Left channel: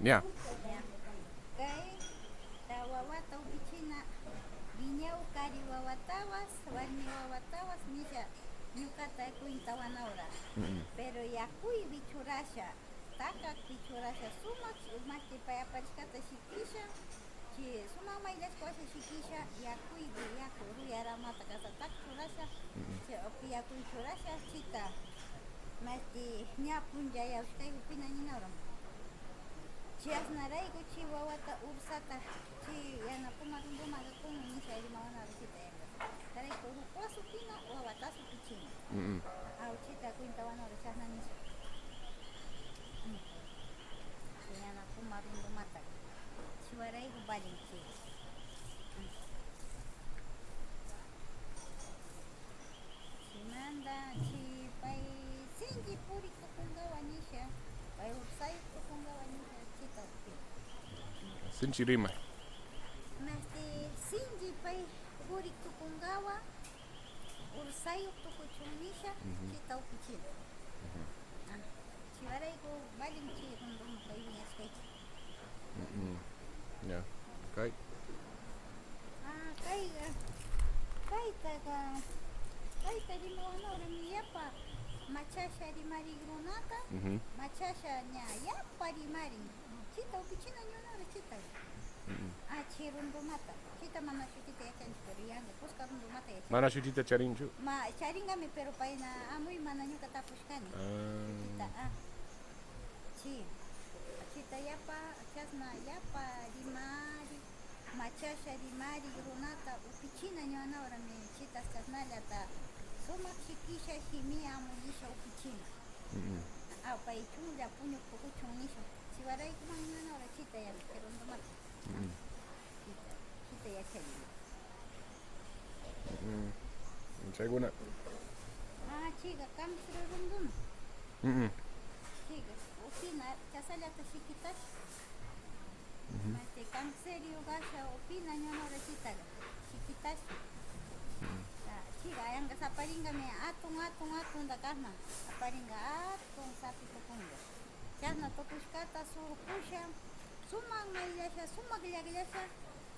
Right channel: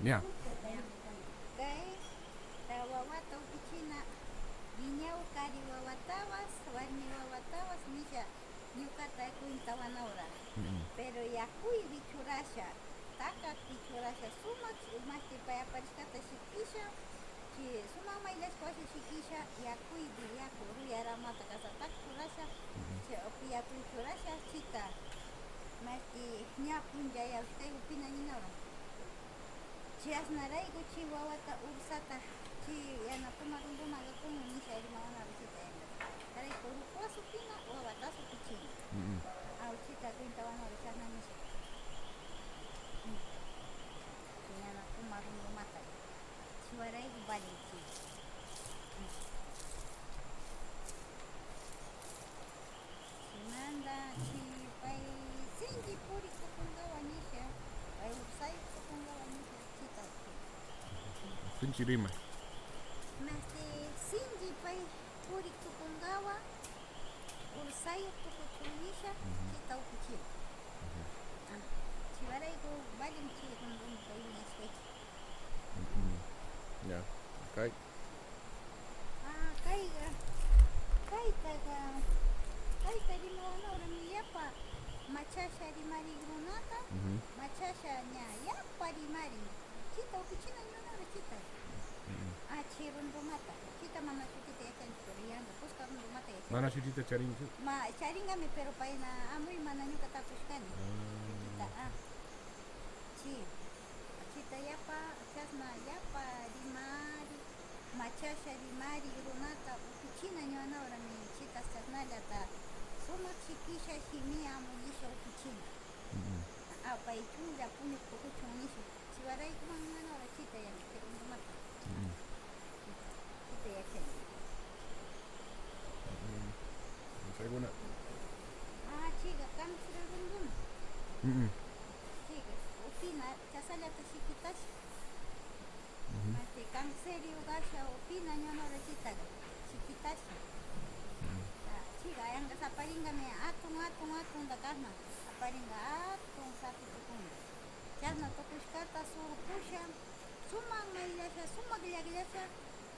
Ya. Ya. Kay tawawata upichina viñaw kari wawatawas warmi wawatawas nisha ñukata kuintawanawra pero yakuy bichurasha taka bichurasha sumak mashti pay aparishkata shikisha chi sumak maylashka washa shikisha yakuypi yaku ruyaramata kasataka churasha chi upi yakuy churasha chita mashti ña punchayawashkay upina ninawra chasnarayku chi wawata ursata chi yanapuma rundumaga kunmi nisha rimawanawra chita yankas tarayku rupawas upina wawatas upichina chita kuintawanawra chasna nisha chi yanapuma rundumata chiwarayku valin chiga chimanta chi pay sinchi puriktukungawa nisha pay ursayuq tukungawa nisha chita upina Sinchi rima. masti sinchi pay puriktukungawa ursayuq tukuchun nisha chita upichina chiwarayku valin chi runduma kay wiñashkayki Ya. Okay. kayqa kaytaqa kayta rimawanawrami yapa machasha rimarik runata machasha ña yapa rimarin chita upichina ñuwanawra chita chi rundumata chita mana shutita yachanchik pero yanka kuska rundumata yachanchik Mana shutita charinchu. charingami pero payna amuy mana ñuka tapushkani chita chi chita yapa chasna yapa rimari machasha rimari runata upichina ñuwanawrami chitas chasnallata sumak shikisha shimi amullisha upichina pay chunlla puñuq tukuchun nisha chiwaraykuman ñuwanawra chita yanka rundumata chita yachani Seguna. chiqa kamsira runduma chiqa upina chasallata shikitash masti kanserio gasha upina ñuwanawra chitaqa shikitashi chiqa yankas aparingami atun kasna aparinga atun sapi tukunga chasna tukushkata surqusha sumak mayllasha sumak llaqllasha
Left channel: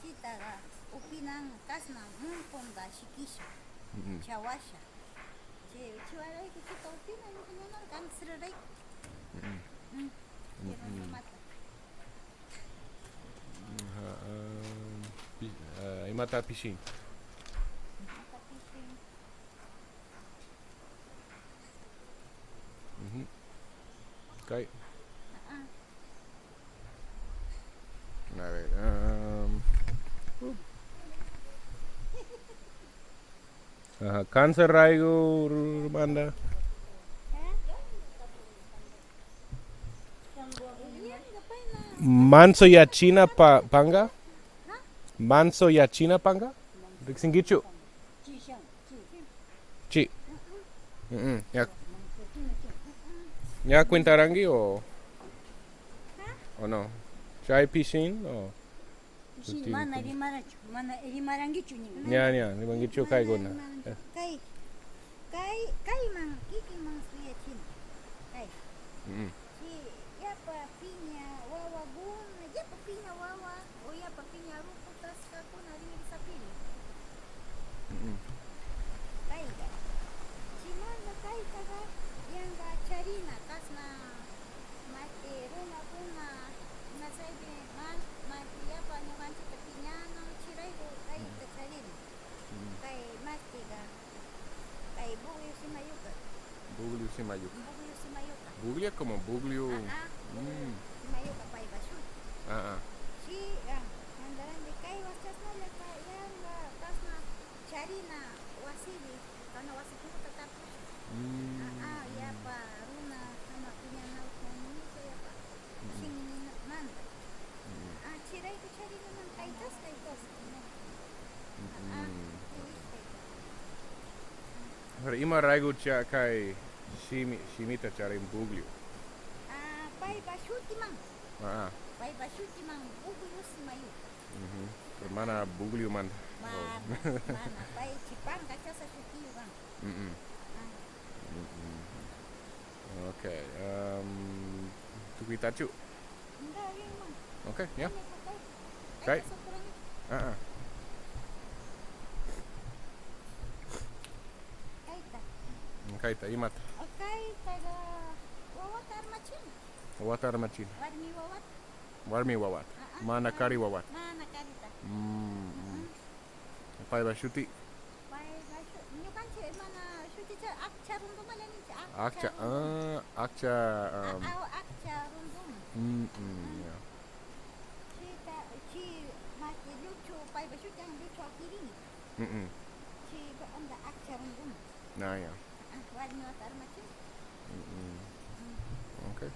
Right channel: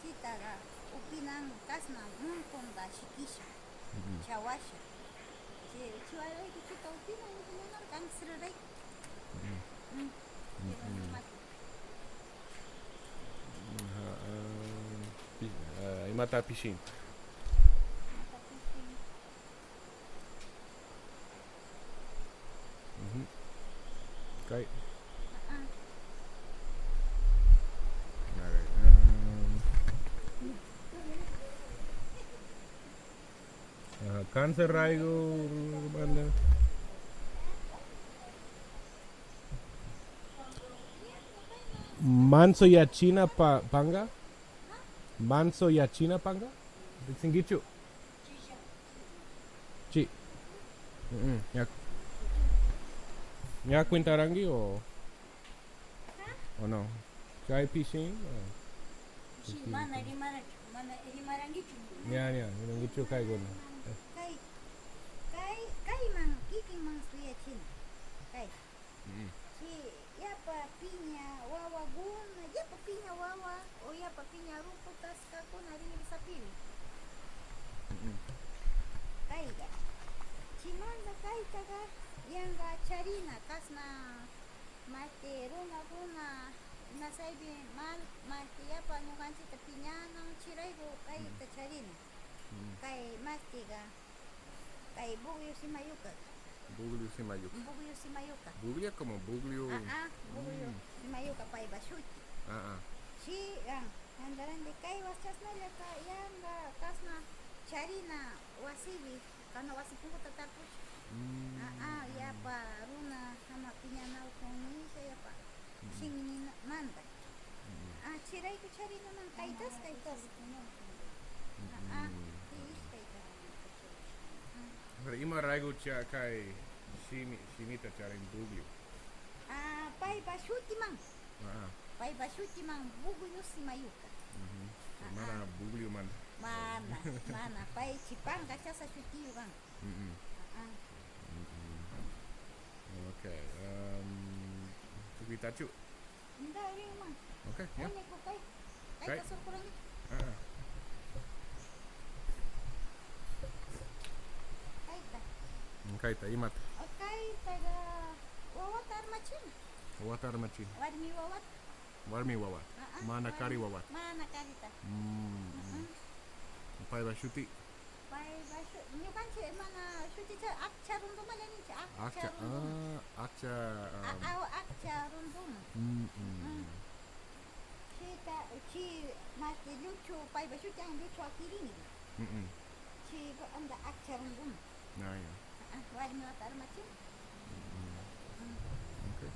chitaqa upinan kasna muntunta shikisha chawasha chiwarayku chita upina ñukanawra kansirarayku chi rundumata Imata pishin. mata pishin Okay. ah A ver. Cáncer raigo banda. yanka payna Manso ya China panga. Manso ya China panga. Rixingichu. Chi. Ya. Ya cuentarangi o no. Chai pishin o. Mana rimarangichu ni. Ya. Rimangichu kai gona. kay man kiki man suyachina kay chi yapa piña wawa guna yapa piña wawa o yapa piña ruputas kakuna ririsapiri kayqa chimanta kaytaqa yanqa charina kasna mati runa nasaypi mati yapa ñuqanchikta piñanan chirayku kayta charina kay mastiqa kay buglio simayuka Buglio simayuka. buglio simayuka Buglia como buglio. buglio simayuka payqa shuti chi mandarandi kay waschasnallata yanqa kasna charina wasipi kana wasi punkuta tarpush yapa runa ama piñanawkun nisha yapa shinmanta chirayku charinaman kaytas Pero ima raigo cha kai shimita charin buglio. paypa shutiman Ah. paypa shutiman buglio simayuka Mana buglio man. mana pay chipanga chasa shutiyukan Okay. Tukitachu. Enggak, ini mah. Oke, ya. Ini kok kai. Kai. Kai kasur kurang itu. Heeh. Kai ta. Kaita imat. Kai taga wawat armacin. Wawat armacin. Warmi wawat. Warmi wawat. Mana kari wawat. Mana kari ta. Pai bashuti. Pai basu. Nyukan cek mana suci cek akca rundum aja nih cek. Akca. Akca. Akca rundum. Ya. Ci masih lucu pai basu yang lucu kiri nih. Ci anda akca rundum. Nah, ya. Warmi wawat armacin. Oke.